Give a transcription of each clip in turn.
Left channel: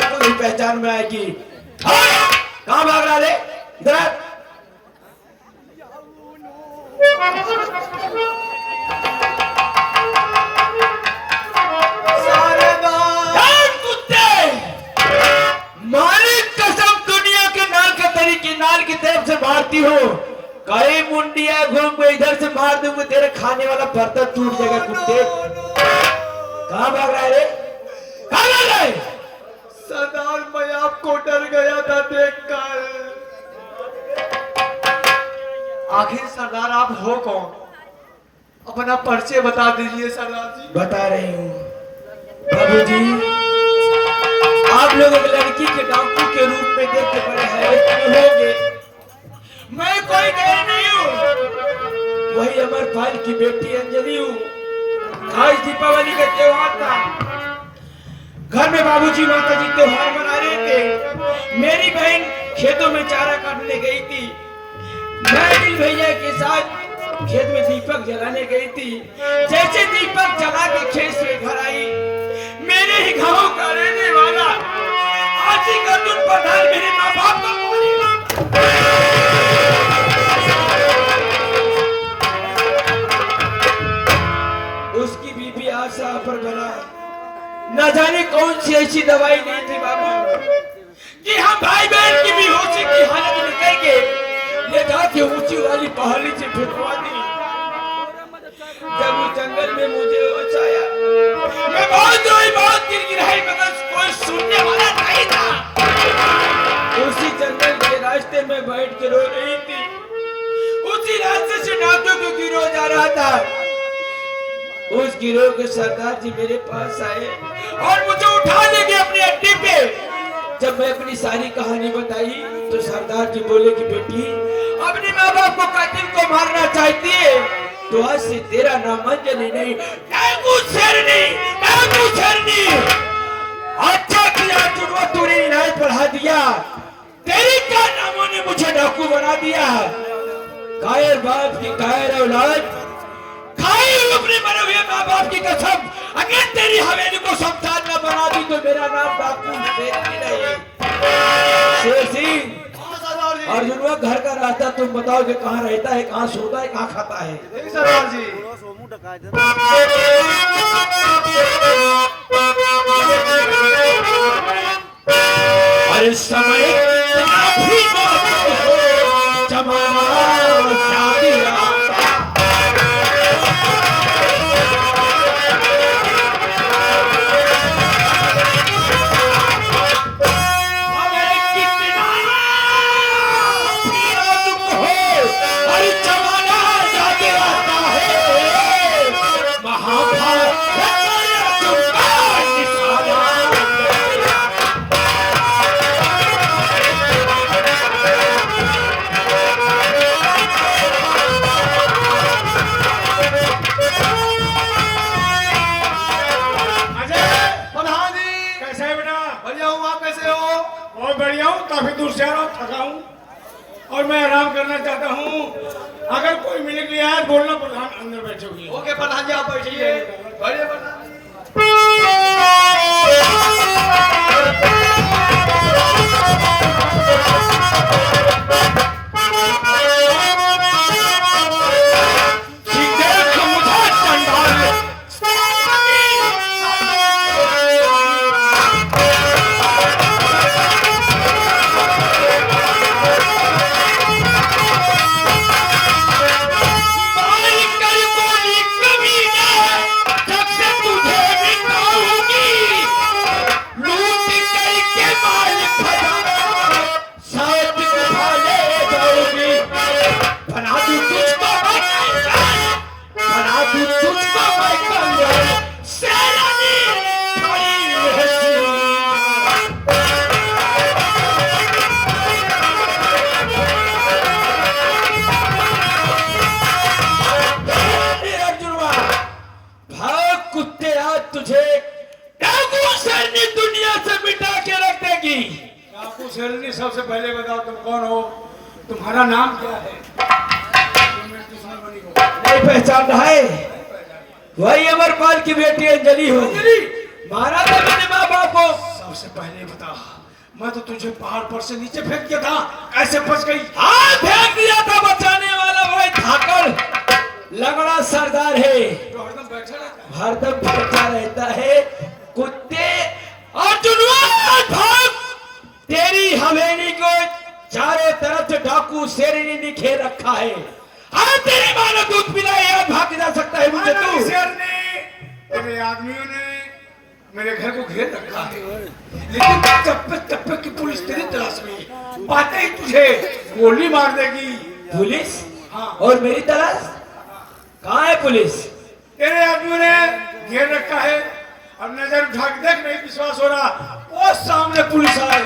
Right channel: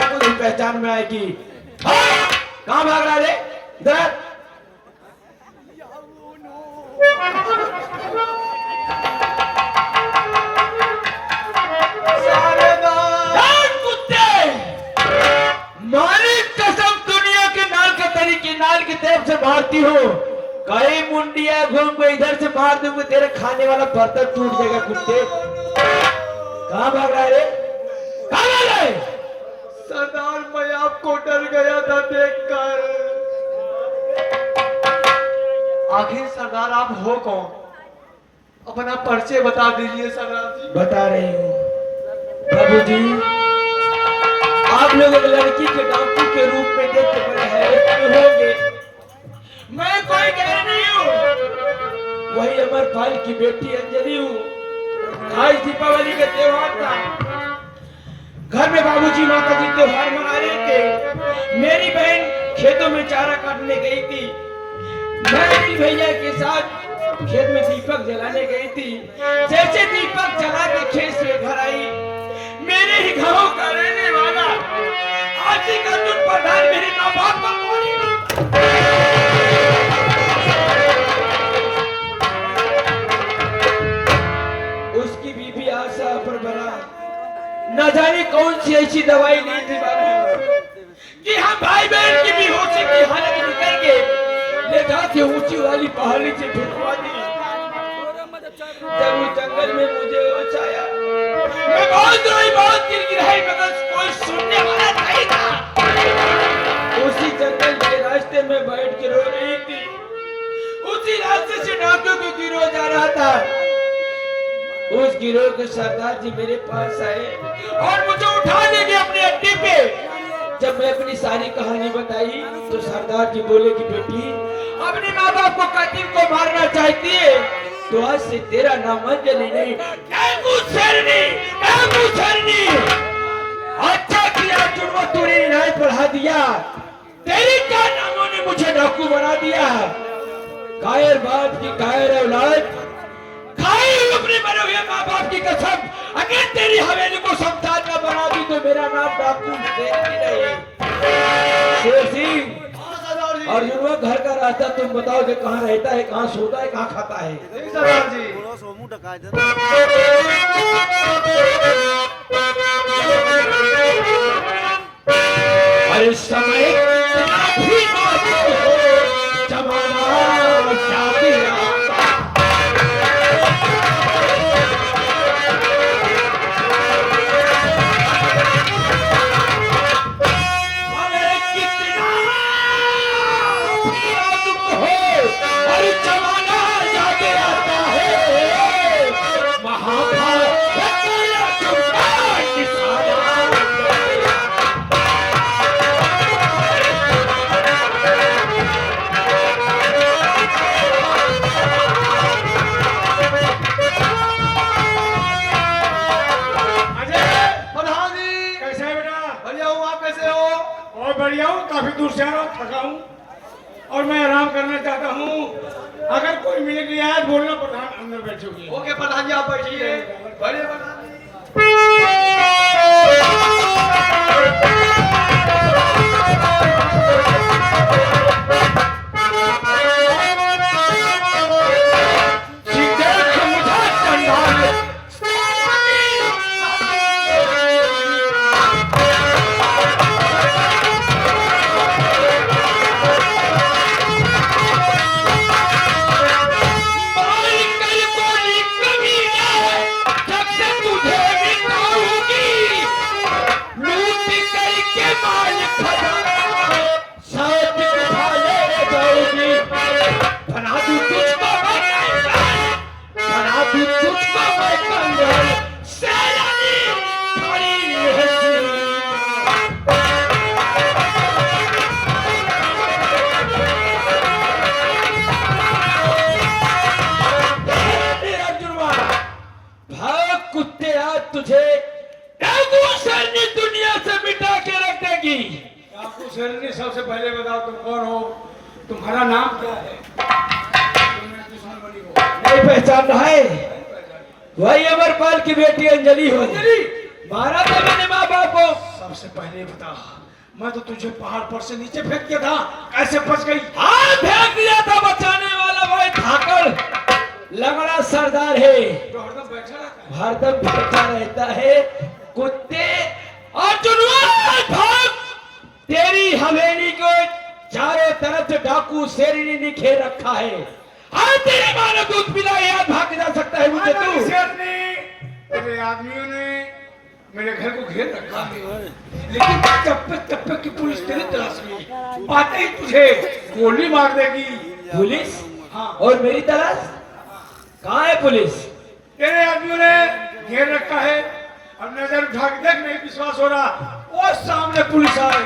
शक्ल नहीं पहचान में आएगी। कहाँ भाग रहा है इधर? मारी कसम दुनिया के नाल के तरीके नाल की तरफ से मारती हो, कई मुंडिया घूम को इधर से मार दूंगा, तेरे खाने वाला बर्तन टूट जाएगा कुत्ते। कहाँ भाग रहा है? कहाँ भाग रहा है? सरदार मैं आपको डर गया था देखकर। आखिर सरदार आप हो कौन? अपना परिचय बता दीजिए सरदार जी। बता रही हूँ बाबूजी, आप लोग एक लड़की के डाकू के रूप में देख के बड़े हैरान होंगे। मैं कोई गैर नहीं हूँ, वही अमरपाल की बेटी अंजलि हूँ। आज दीपावली का त्योहार था, घर में बाबूजी माताजी त्योहार मना रहे थे। मेरी बहन खेतों में चारा काटने गई थी, मैं भैया के साथ खेत में दीपक जलाने गई थी। जैसे दीपक जला के खेत से घर आई, मेरे ही गांव का रहने वाला आजी का दुख प्रधान मेरे माँ बाप का उसकी बीबी आशा पर बना, न जाने कौन सी ऐसी दवाई नहीं थी बाबू कि हम भाई बहन की बेहोशी की हालत में करके ले जाके ऊंची वाली पहाड़ी से फिरवा दी। जब उस जंगल में मुझे होश आया, मैं बहुत रोई, बहुत गिड़गिड़ाई, मगर कोई सुनने वाला नहीं था। उसी जंगल के रास्ते में बैठ के रो रही थी। उसी रास्ते से डाकू को गिरोह जा रहा था। उस गिरोह के सरदार जी मेरे पास आए और मुझे उठा ले गए अपने अड्डे पे। जब मैं अपनी सारी कहानी बताई तो सरदार जी बोले कि बेटी, अपने माँ बाप को कातिल को मारना चाहती है तो आज से तेरा नाम अंजलि नहीं, डाकू शेरनी, डाकू शेरनी। अच्छा किया जुड़वा तूने इलाज बढ़ा दिया, तेरे कारनामों ने मुझे डाकू बना दिया। कायर बाप की कायर औलाद, खाई अपने मरे हुए माँ बाप की कसम, अगर तेरी हवेली को शमशान न बना दी तो मेरा नाम डाकू नहीं। शेर सिंह अर्जुनवा, घर का रास्ता तुम बताओ कि कहाँ रहता है, कहाँ सोता है, कहाँ खाता है? सरदार जी अरे समय कितना भी हो, जमाना शादी बढ़िया हूँ, काफी दूर से आ रहा हूँ, थका हूँ और मैं आराम करना चाहता हूँ। अगर कोई मिल गया है बोलना, प्रधान अंदर बैठोगे। ओके प्रधान जी आप बैठिए। बड़े प्रधान तुझे डाकू शेरनी दुनिया से मिटा के रख देगी। डाकू शेरनी, सबसे पहले बताओ तुम कौन हो, तुम्हारा नाम क्या है? तुम मेरी दुश्मन बनी हो। नहीं पहचान रहा है? वही अमरपाल की बेटी अंजलि हो। मारा था मैंने माँ बाप को। सबसे पहले बता, मैं तो तुझे पहाड़ पर से नीचे फेंक दिया था, ऐसे बच गई? हाँ फेंक दिया था, बचाने वाला वही धाकड़ लगड़ा सरदार है, तो हरदम बैठा रहता है। हरदम बैठा रहता है। कुत्ते अर्जुनवान भाग, तेरी हवेली को चारों तरफ से डाकू शेरनी ने घेर रखा है। हाँ तेरे मानो दूध पिला यार भाग जा सकता है मुझे मानो तू। शेरनी, तेरे आदमियों ने मेरे घर को घेर रखा है, लेकिन चप्पे चप्पे की पुलिस तेरी तलाश में है। पाते ही तुझे गोली मार देगी। पुलिस? हाँ। और मेरी तलाश कहाँ है पुलिस? तेरे आदमियों ने घेर रखा है, और नजर उठा के देख, नहीं विश्वास हो रहा, वो सामने पुलिस आई।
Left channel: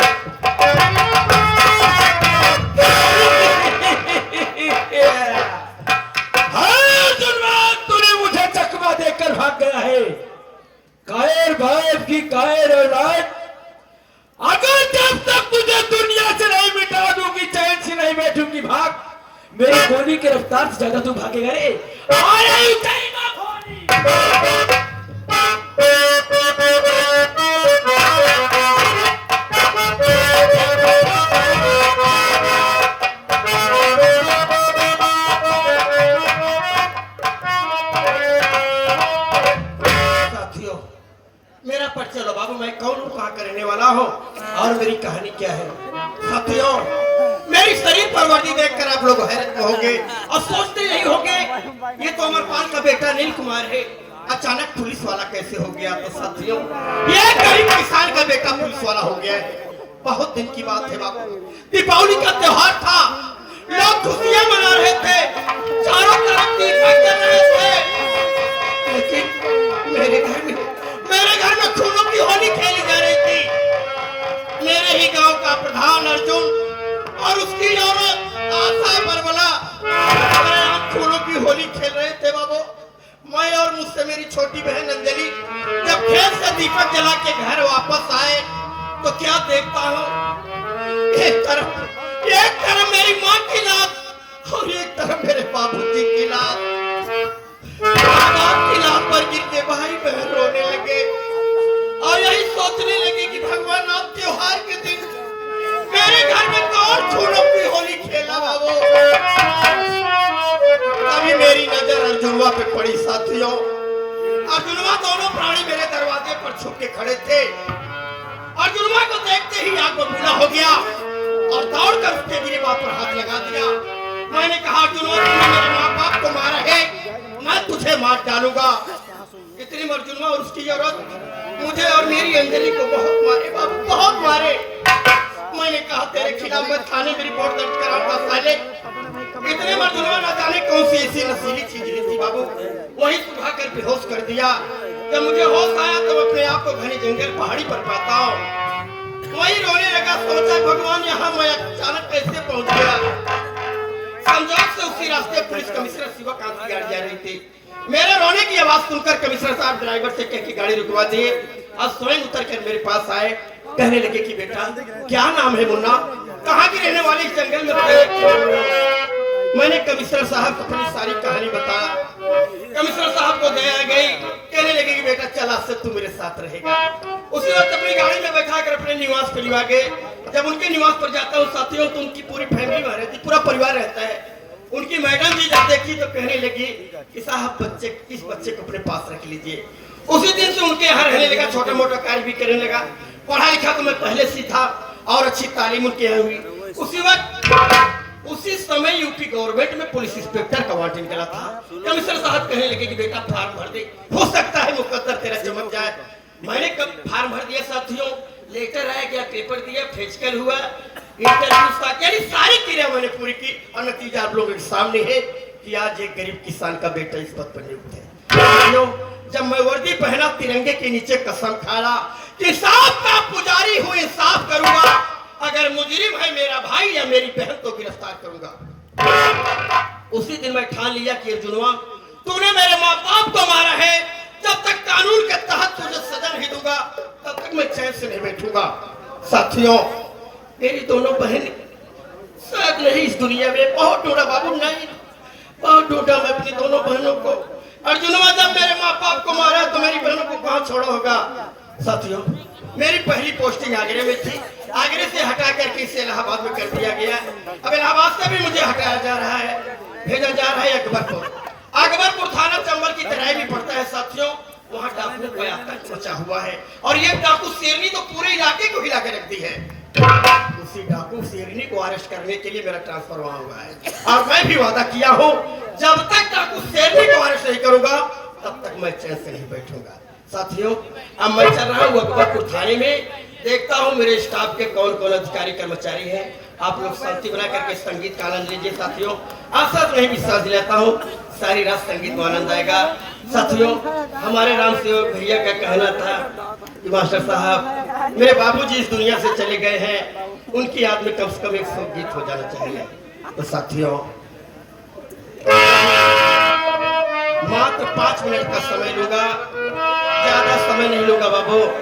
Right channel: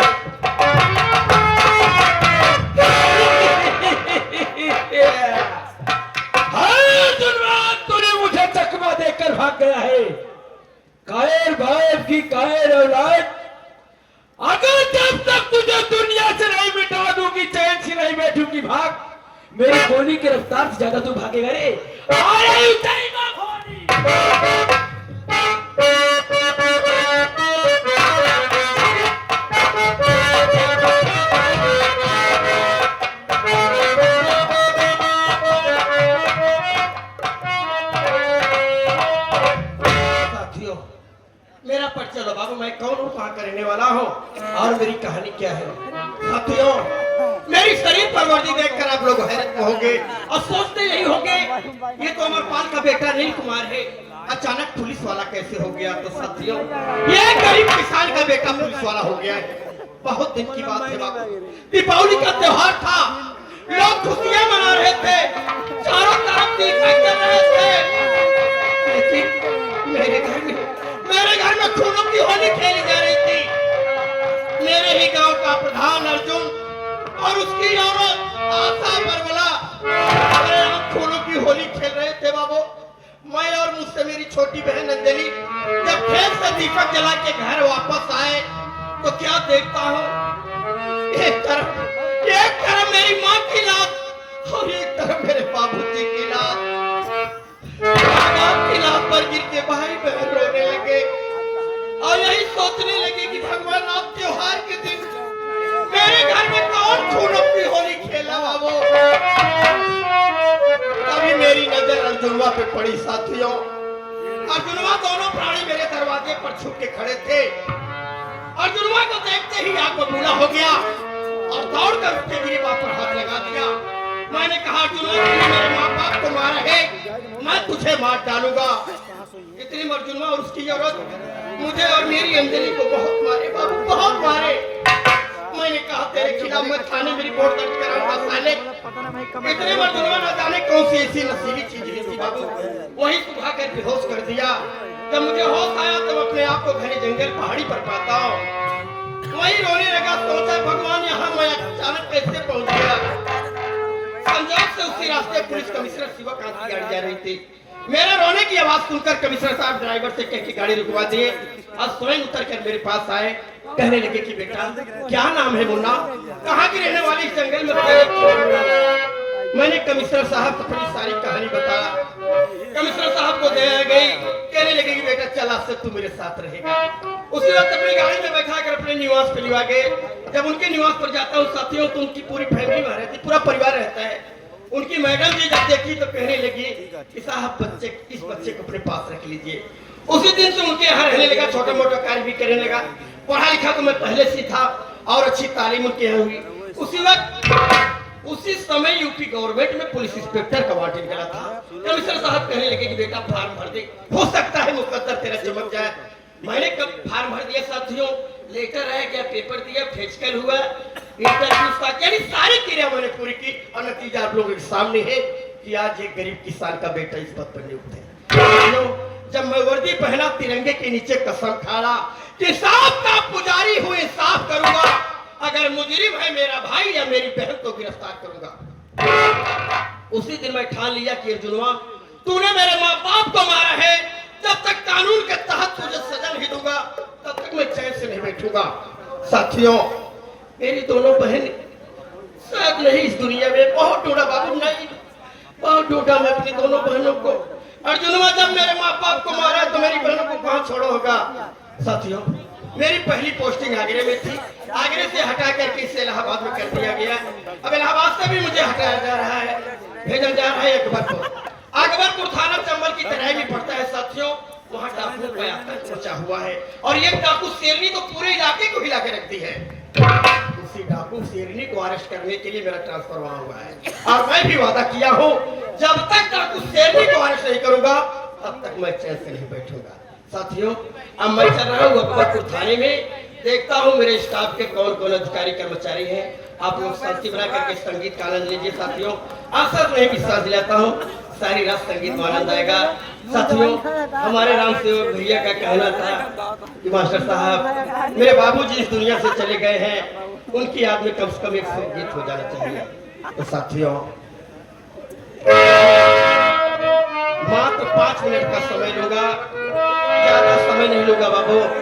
तूने मुझे चकमा देकर भाग गया है। कायर भाई की कायर औलाद, अगर जब तक तुझे दुनिया से नहीं मिटा दूंगी, चैन से नहीं बैठूंगी, भाग। मेरी गोली की रफ्तार से ज्यादा तू भागेगा रे। आ रही ऊंचाई में गोली। मेरा परिचय दो बाबू, मैं कौन हूँ, कहाँ करने वाला हूँ और मेरी कहानी क्या है। साथियों, मेरी शरीर पर वर्दी देखकर आप लोग हैरत में होंगे और सोचते यही होंगे ये तो अमरपाल का बेटा नील कुमार है, अचानक पुलिस वाला कैसे हो गया। तो साथियों, ये गरीब किसान का बेटा पुलिस वाला हो गया है। बहुत दिन की बात है बाबू, दीपावली का त्योहार था, लोग खुशियां मना रहे थे, चारों तरफ दीपक जल रहे थे, लेकिन मेरे घर में खूनों की होली खेली जा रही थी। मेरे ही गांव का प्रधान अर्जुन और उसकी औरत आशा बरबला खूनों की होली खेल रहे थे बाबू। मैं और मुझसे मेरी छोटी बहन नंदिनी जब खेत से दीपक जला के घर वापस आए तो क्या देखता हूँ, एक तरफ मेरी माँ की लाश और एक तरफ मेरे बाबूजी की लाश। की लाश पर गिर के भाई बहन रोने लगे और यही सोचने लगे कि भगवान आप त्योहार के दिन मेरे घर में कौन खूनों की होली खेला बाबू। तभी मेरी नजर अर्जुनवा पे पड़ी। साथियों, अर्जुनवा दोनों प्राणी मेरे दरवाजे पर छुप के खड़े थे। अर्जुनवा को देखते ही आग बबूला हो गया और दौड़कर उसके गिरिबात पर हाथ लगा दिया। मैंने कहा, अर्जुनवा तूने मेरे माँ बाप को मारा है, मैं तुझे मार डालूंगा। इतनी अर्जुनवा और उसकी औरत मुझे और मेरी अंजलि को बहुत मारे बाबू, बहुत मारे। मैंने कहा तेरे खिलाफ मैं थाने में रिपोर्ट दर्ज कराऊंगा साले। इतने अर्जुनवा न जाने कौन सी ऐसी नशीली चीज ली थी बाबू, वही सुखा कर बेहोश कर दिया। जब मुझे होश आया तो अपने आप को घने जंगल पहाड़ी पर पाता हूँ। वही रोने लगा, सोचा भगवान यहाँ मैं अचानक कैसे पहुंच गया। संजोग से उसी रास्ते पुलिस कमिश्नर शिवकांत की गाड़ी जा रही थी। मेरे रोने की आवाज सुनकर कमिश्नर साहब ड्राइवर से कह के गाड़ी रुकवा दिए और स्वयं उतर कर मेरे पास आए। कहने लगे कि बेटा क्या नाम है मुन्ना, कहाँ की रहने वाली, इस जंगल में थे। मैंने कमिश्नर साहब को अपनी सारी कहानी बताया। कमिश्नर साहब को दया गई, कहने लगे कि बेटा चल आज से तू मेरे साथ रहेगा। उसी वक्त अपनी गाड़ी में बैठा कर अपने निवास पर लिवा गए। जब उनके निवास पर जाता हूँ साथियों तो उनकी पूरी फैमिली वहां रहती, पूरा परिवार रहता है। उनकी मैडम जी जब देखी तो कहने लगी कि साहब इस बच्चे को अपने पास रख लीजिए। उसी दिन से उनके यहाँ रहने लगा, छोटा मोटा कार्य भी करने लगा। पढ़ा लिखा तो मैं पहले से था और अच्छी तालीम उनके यहाँ हुई। उसी समय यूपी गवर्नमेंट में पुलिस इंस्पेक्टर का वार्ड निकला था। कमिश्नर साहब कहने लगे कि बेटा फॉर्म भर दे, हो सकता है मुकद्दर तेरा चमक जाए। मैंने कब फॉर्म भर दिया साथियों, लेटर आया गया, पेपर दिया, फिजिकल हुआ, इंटरव्यू सारी क्रिया मैंने पूरी की और नतीजा आप लोगों के सामने है कि आज एक गरीब किसान का बेटा इस पद पर नियुक्त है। जब मैं वर्दी पहना तिरंगे के नीचे कसम खाया कि साफ का पुजारी हूँ, इंसाफ करूंगा, अगर मुजरिम है मेरा भाई या मेरी बहन तो गिरफ्तार करूंगा। उसी दिन मैं ठान लिया कि अर्जुनवा तूने मेरे माँ बाप को मारा है, जब तक कानून के तहत तुझे सजा नहीं दूंगा तब तक मैं चैन से नहीं बैठूंगा। साथियों, मेरी दोनों बहन शायद नहीं इस दुनिया में, बहुत ढूंढा बाबू, नहीं बहुत ढूंढा मैं अपनी दोनों बहनों को। अर्जुनवा जब मेरे माँ बाप को मारा तो मेरी बहनों को कहाँ छोड़ा होगा। साथियों, मेरी पहली पोस्टिंग आगरे में थी, आगरे से हटा करके इसे इलाहाबाद में कर दिया गया। अब इलाहाबाद से भी मुझे हटाया जा रहा है, भेजा जा रहा है अकबरपुर। अकबरपुर थाना चंबल की तराई में पड़ता है साथियों। वहाँ डाकुओं का आतंक मचा हुआ है और ये डाकू शेरनी तो पूरे इलाके को हिला के रख दी है। उसी डाकू शेरनी को अरेस्ट करने के लिए मेरा ट्रांसफर वहाँ हुआ है और मैं भी वादा किया हूँ जब तक डाकू शेरनी को अरेस्ट नहीं करूंगा तब तक मैं चैन से नहीं बैठूंगा। साथियों, अब मैं चल रहा हूँ अकबरपुर थाने में, देखता हूँ मेरे स्टाफ के कौन कौन अधिकारी कर्मचारी हैं। आप लोग शांति बना करके संगीत का आनंद लीजिए। साथियों, आशा तो नहीं विश्वास दिलाता हूँ सारी रात संगीत में आनंद आएगा। साथियों, हमारे राम सेवक भैया का कहना था कि मास्टर साहब मेरे बाबूजी इस दुनिया से चले गए हैं, उनकी याद में कम से कम 100 गीत हो जाना चाहिए। तो साथियों, मात्र 5 मिनट का समय लूंगा, ज्यादा समय नहीं लूंगा बाबू।